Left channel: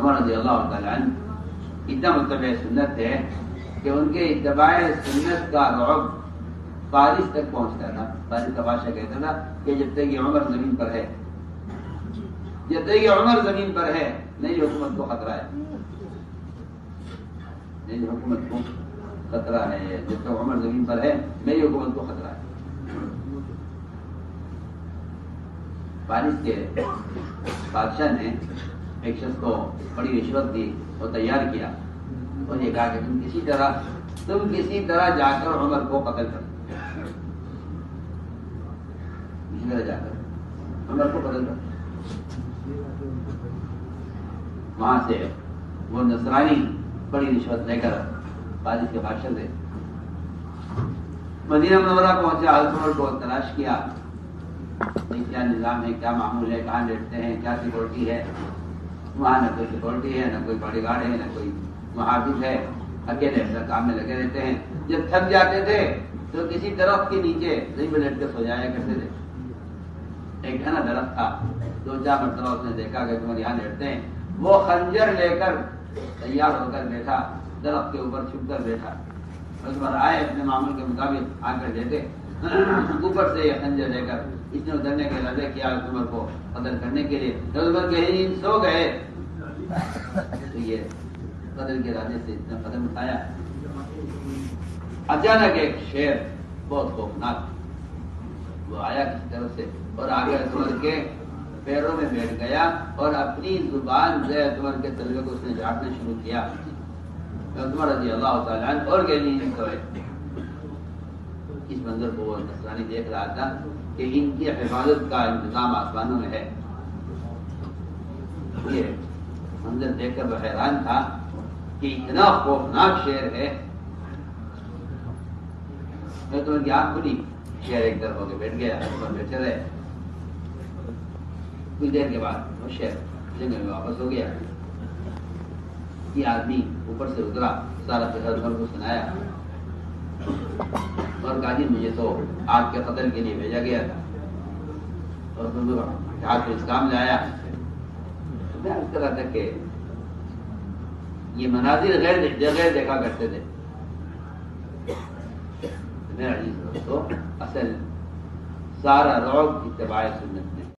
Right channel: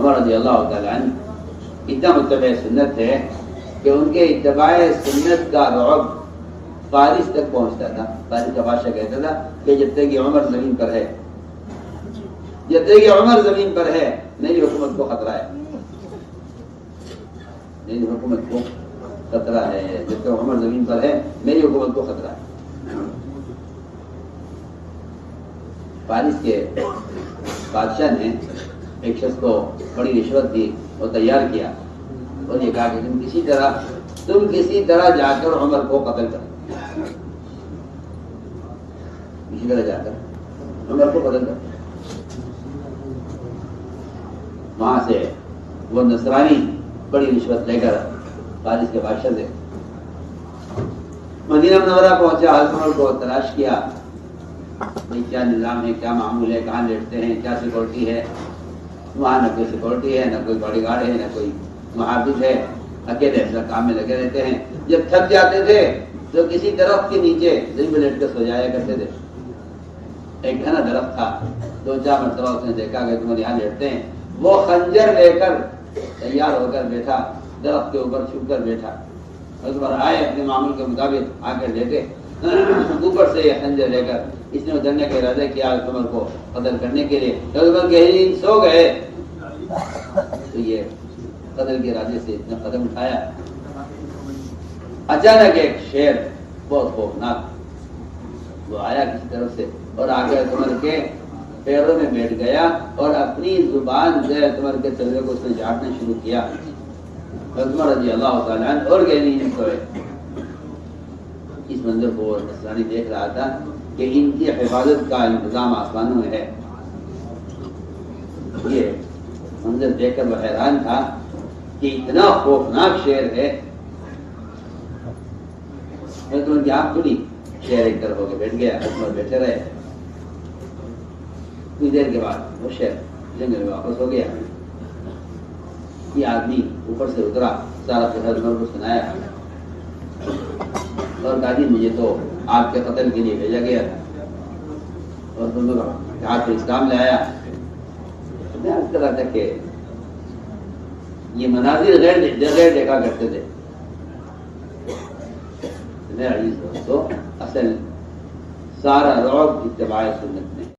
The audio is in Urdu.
عمر رضی اللہ تعالیٰ عنہ اتنا متبع سنت ہے کہ ان کے اتباع سنت کا رعب فارس تک پہنچتا تھا. فارس کا بادشاہ کہتا تھا کہ جب تک یہ عمر زمین پر ہے، جب تک یہ عمر زمین پر ہے میری حکومت کو خطرہ ہے، میری حکومت کو خطرہ ہے، جب تک عمر زمین پر ہے میری حکومت کو خطرہ ہے. فارس کے بادشاہ نے ایک شخص کو بڑی رشوت دی اور تیار کیا اور یہ کہا کہ تم کسی طرح جا کر عمر کو قتل کر، کسی طرح جا کر عمر کو قتل کر. وہاں سے وہ نصرانی بڑی رشوت لے کر فارس کے بادشاہ سے مدینہ منورہ پہنچا. حضرت عمر کو تلاش کیا، بھائی کیا نظام ہے، کیا معمول ہے، کہاں لیٹتے ہیں، کیا سیکورٹی ہے. وہاں نہ کوئی سیکورٹی ہے، نہ کوئی باڈی گارڈ ہے، نہ کوئی محافظ ہے، اکیلے اپنے کام میں لگے رہتے ہیں. جب تھک جاتے تھے تو کسی درخت کے نیچے زمین میں لیٹ کے سو جایا کرتے تھے. ایک گھنا درخت تھا، 2-4 مرتبہ اس نے دیکھا کہ تم یہاں لیٹتے ہیں. وہ خنجر لے کر تیار ہو کر بیٹھا، درخت کے اوپر چھپ کر بیٹھا. عمر آئے اپنے معمول کے مطابق آ کر لیٹے، اوپر سے یہ خنجر لے کر اس نے اترنے کا ارادہ کیا عمر کو قتل کرنے کے لیے. عمر گہری سو گئے تو یہ قتل کے ارادے سے اتنا قدم اٹھایا. اچانک ایک شیر بہت خوفناک وہ آیا کسی طرف سے اور آگے عمر کے پیروں میں بیٹھ گیا اور اپنی زبان سے عمر کے چلے کو اس نے جھاڑنا شروع کیا. عمر رضی اللہ تعالیٰ عنہ اور گہری نہیں سوئے. اس منظر کو نصرانی دیکھ رہا تھا کہ ان کی حفاظت کا انتظام آسمانوں میں ہے. یہ منظر دیکھ کر وہ حیران تھا کہ اتنا خوفناک شیر ہے. عمر کی آنکھ کھلی، شیر ایک طرف ہو کے بیٹھ گیا. عمر بیٹھے رہے. کچھ دیر کے بعد وہ شیر جنگل میں واپس ہو گیا. یہ آدمی اوپر سے اترا، سارا شہر عمر کو سنایا اور کہا جی مجھے تو آپ کے قتل کے لیے بھیجا گیا تھا اور تم نے آپ کو اسلام لایا. میں اس طرح تھا کہ یہ مناظر غیر دیکھا کرتے تھے. میرا عزیز دوستو، اصل سارا رعب اتباع سنت